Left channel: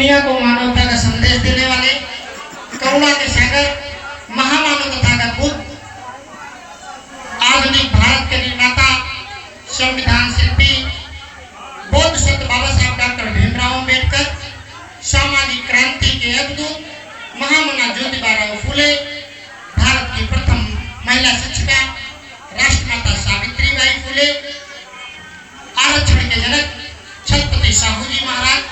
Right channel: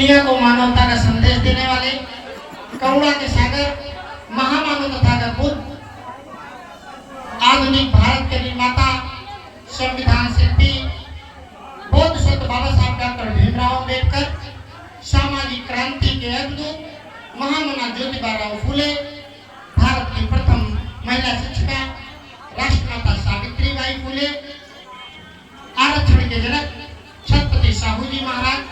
दुनिया को मानवता का संदेश देने वाले, करुणा के सागर, महामानव तथा का बुद्ध, आधुनिक भारत के निर्माता, संविधान शिल्पी, बौद्ध संत बाबा साहब डॉक्टर भीमराव अम्बेडकर, सामाजिक क्रांति के अवधूत महामना ज्योतिबा फुले, भारत की प्रथम महिला शिक्षिका राष्ट्रमाता सावित्रीबाई फुले, आरक्षण के जनक छत्रपति साहू जी महाराज,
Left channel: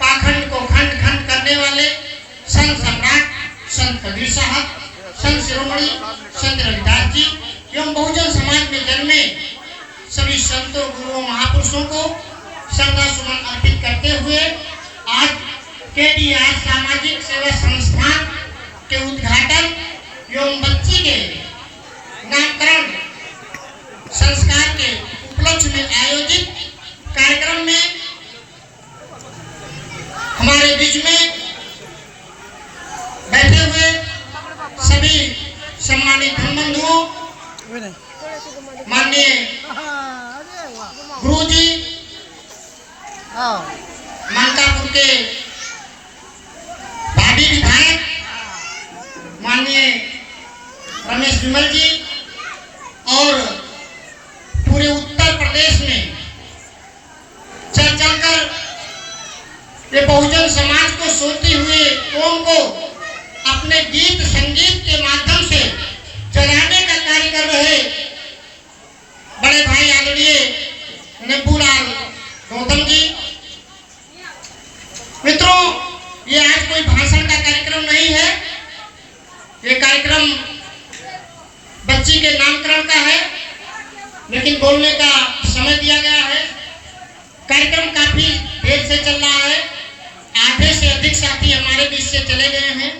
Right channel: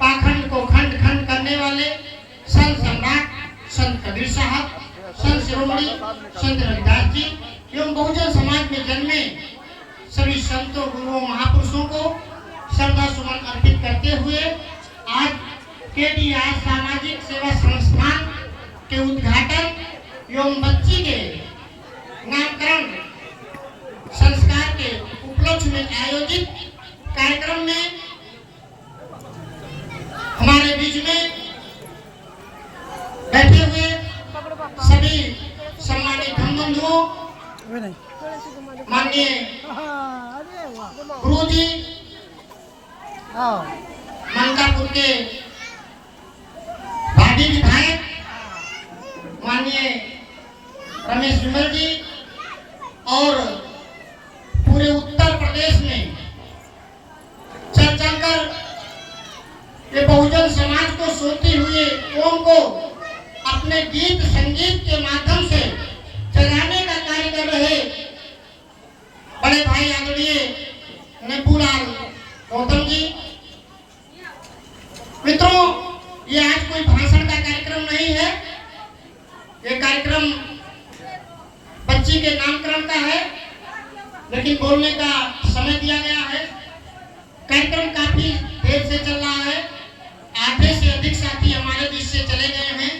पाखंड को खंड खंड करने वाले संत सम्राट संत कबीर साहब, संत शिरोमणि संत रविदास जी एवं बहुजन समाज में जन्मे सभी संतों, गुरुओं, महापुरुषों को श्रद्धा सुमन अर्पित करते हुए आज केडीआर सामाजिक सेवा संस्थान के उद्घाटन एवं बच्ची के नामकरण संस्कार के उपलक्ष्य में आयोजित कार्यक्रम में हमारे बीच में बैठे हुए सभी सम्मानित धर्म बंधुओं, माननीय गुरु जी, मानकापुर के भाभी विधायक माननीय रमेश विमल जी और पूरे उत्तर प्रदेश में चल चलकर ये बहुजन समाज को सोती हुई कौम को अपने गीत संगीत के माध्यम से जगाने का कार्य कर रहे बड़े भाई आदरणीय नेपुलाल गौतम जी। मित्रों, ये आज कोई भाषण का कार्यक्रम नहीं है, ये कार्यक्रम बच्ची के नामकरण का है, लेकिन बोलने का समय दिया गया है। कार्यक्रम काफी देर से चल रहा है, आधे से अधिक साथी हमारे बीच से चले गए हैं,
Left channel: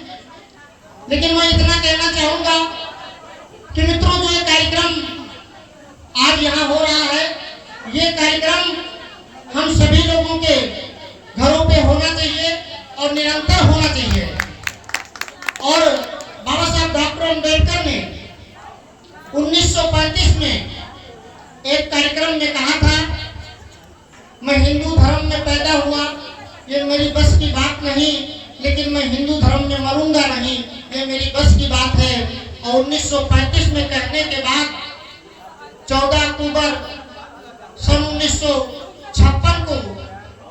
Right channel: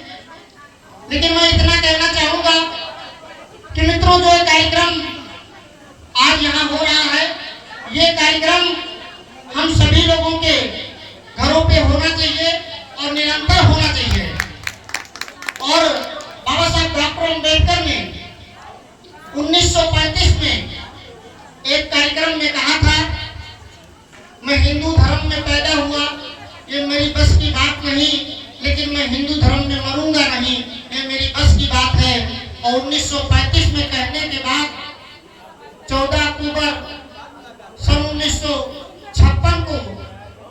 लेकिन मैं इतना कहना चाहूंगा कि मित्रों, जो कार्यक्रम आज यहाँ हो रहा है, ये कार्यक्रम हम सभी लोगों के घरों पे होना चाहिए और निरंतर होना चाहिए। और बाबा साहब डॉक्टर अम्बेडकर ने 1935 में एक कार्यक्रम में कहा था, मैं हिंदू धर्म में पैदा हुआ, ये मेरी बस की बात नहीं, लेकिन मैं हिंदू धर्म में मरूंगा नहीं, ये मेरी बस की बात है। और 1935 में कहने के बाद 14 अक्टूबर सन 1956 को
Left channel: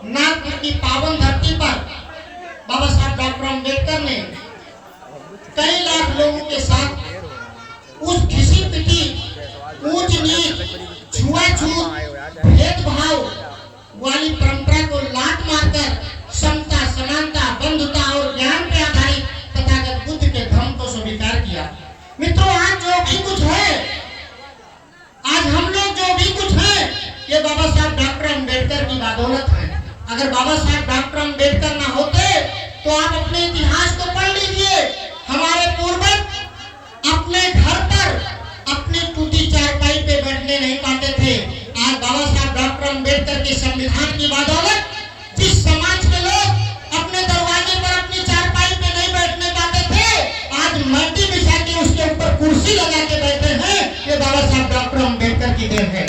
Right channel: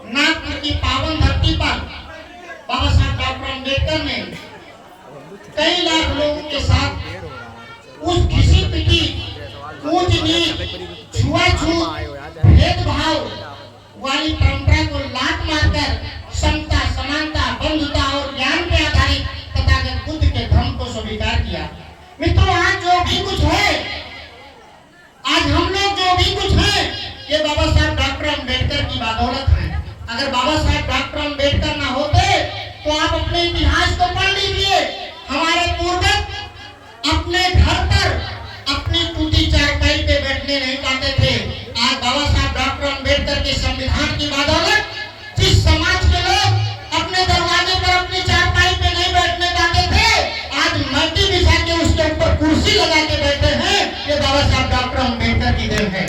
नागपुर की पावन धरती पर बाबा साहब डॉक्टर अम्बेडकर ने कई लाख लोगों के साथ उस घिसी पिटी, ऊंच नीच, छुआछूत, भेदभाव वाली परंपरा को लात मारकर समता, समानता, बंधुता और ज्ञान पे आधारित तथागत बुद्ध के धर्म को स्वीकार किया। मित्रों, आज जो भी कुछ है, आज हम लोग जो भी कुछ है, ये बाबा साहब डॉक्टर अम्बेडकर की बदौलत है। अगर बाबा साहब डॉक्टर अम्बेडकर ना होते तो आप अपने इतिहास को पढ़ लीजिए। हमारे पूर्वज अपने घर पर अपनी टूटी चारपाई पे बैठने नहीं पाते थे। आज बाबा साहब डॉक्टर अम्बेडकर के संविधान की बदौलत जिस समाज के लोग अपने दरवाजे पर अपनी चारपाई पे नहीं बैठने पाते थे, आज मल्टी बिछा के उसके ऊपर कुर्सी लगा के बैठे हैं, ये बाबा साहब डॉक्टर अम्बेडकर की देन है।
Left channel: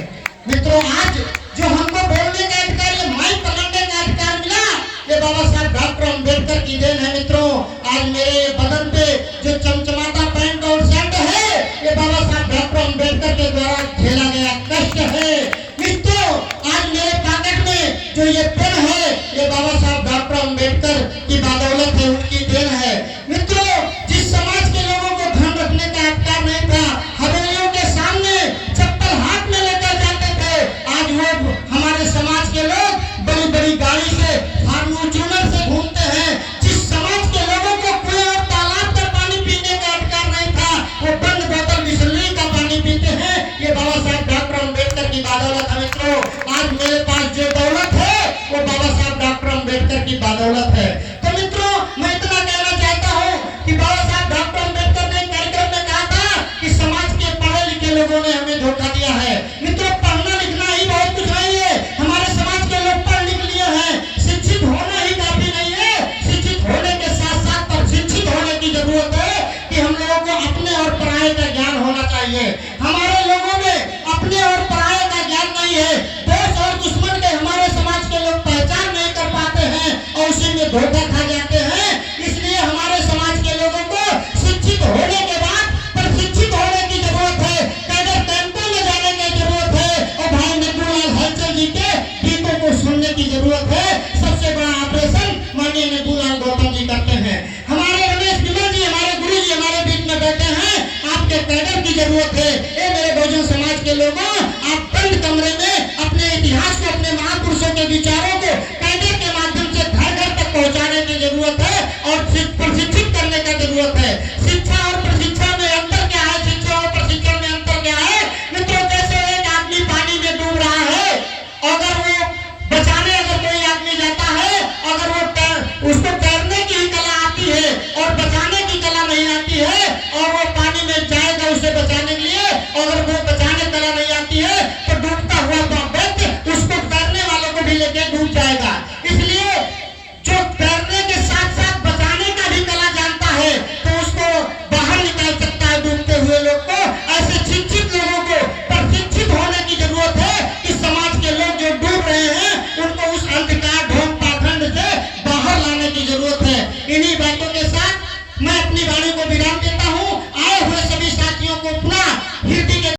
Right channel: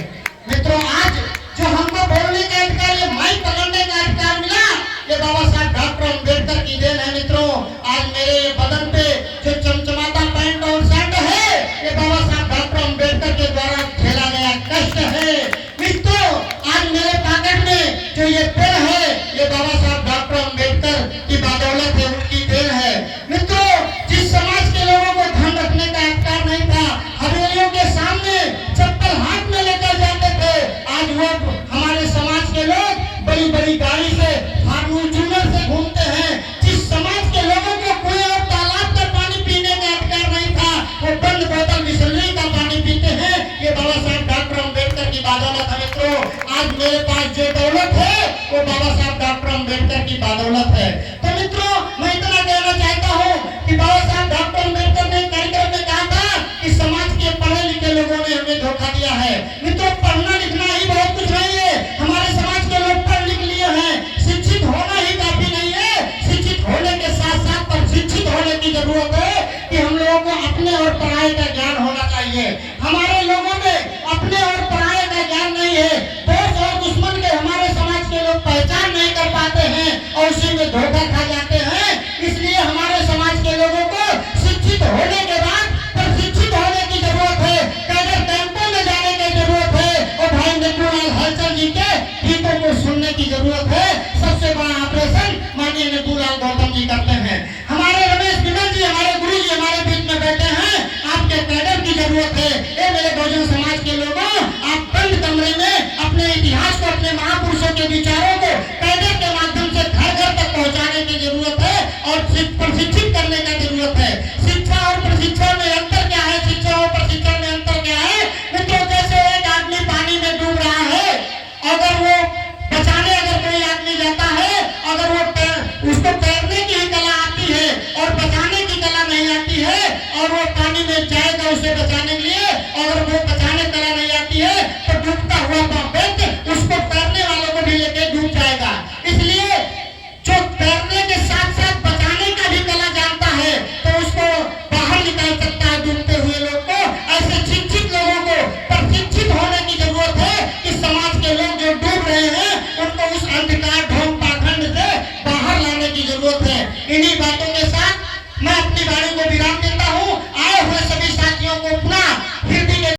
मित्रों, आज जो हमको बोलने का अधिकार, ये माइक पकड़ने का अधिकार मिला, ये बाबा साहब डॉक्टर अम्बेडकर की देन है। मित्रों, आज मेरे बदन पे जो चमचमाता पैंट और शर्ट है, ये बाबा साहब डॉक्टर अम्बेडकर के द्वारा झेला गया कष्ट है। मित्रों, आज मेरे पॉकेट में जो ये पेन है, ये बाबा साहब डॉक्टर अम्बेडकर की बदौलत है, उनकी देन है। मित्रों, जिस समाज के लोगों को धन रखने का अधिकार नहीं था, हवेलियों के सामने चप्पल हाथ में लेकर जाते थे, आज वो हमारे समाज के लोग बड़ी बड़ी गाड़ी से, फॉर्च्यूनर से घूमते हैं। जिस समाज के लोगों को कुएं और तालाब का पानी पीने का अधिकार नहीं था, वो बंद बोतल बिसलेरी का पानी पीते हैं, ये बाबा साहब डॉक्टर अम्बेडकर की बदौलत है। मित्रों, आज मेरे पास जो दौलत है, वो बाबा साहब डॉक्टर अम्बेडकर की बदौलत है। तो मित्रों, मैं इतना कहना चाहता हूँ कि बाबा साहब डॉक्टर अम्बेडकर ने कार्यक्रम में कहा था कि समाज के पढ़े लिखे लोगों ने हमें धोखा दिया है। मित्रों, पढ़ना लिखना ही बहुत कुछ नहीं है। हमारे समाज के लोग पढ़ लिख लिए हैं, शिक्षित होना ही काफी नहीं है। शिक्षित होने के साथ साथ प्रशिक्षित होने की जरूरत है कि हम लोगों को अपने और पढ़ाई का ज्ञान होना चाहिए। हमारे लोगों में अपने और पढ़ाई का ज्ञान नहीं है। दोस्त और दुश्मन के हमारे समाज के लोग पहचान नहीं कर पाते हैं और उसी में धोखा खा जाते हैं। इसलिए हमारे समाज के लोगों को शिक्षित होने के बाद प्रशिक्षित होने की जरूरत है, कैडर कैंपों में जाने की जरूरत है और भाई नेबूलाल हलचल जी के गीतों को सुनने की जरूरत है। सबसे बड़ा ऑपरेशन माननीय नेबूलाल गौतम जी करते हैं। हमारे रमेश बिमल जी, हमारे गुरु जी हमारे बीच में बैठे हैं। आपके कैडर की जरूरत है। ये मेरे बहुजन समाज के लोगों, आप बंद कमरे में अपने इतिहास को, अपने महापुरुषों के विचारों को कैडर के माध्यम से घर घर तक पहुंचाने की जरूरत है और प्रशिक्षित करने की जरूरत है। शिक्षा और प्रशिक्षण में अंतर क्या है? शिक्षा और प्रशिक्षण में अंतर क्या है मित्रों? जैसे एक आदमी पानी में डूब रहा है, अगर वो बचाने अगर कोई आदमी जाता है, अगर वो उसको तैरने की ही कला आती है और बचाने की कला नहीं आती है और वो पानी में जाएगा उसे बचाने के लिए, अगर वो बचाने कला नहीं आती है तो डूबता हुआ व्यक्ति उसको तैरने वालों को भी लेके डूब जाएगा। इसलिए जो तैरने के साथ साथ बचाने का भी कला जानता है तो उसको बाहर निकाल सकता है डूबते हुए लोग को। ऐसे शिक्षित लोगों को प्रशिक्षित होने की जरूरत है कि समाज के लोग जो डूब रहे हैं उनको उस अंधकार ढोंग पाखंड से बाहर लाने की जरूरत है। इन्हीं बातों के साथ मैं अपनी वाणी को विराम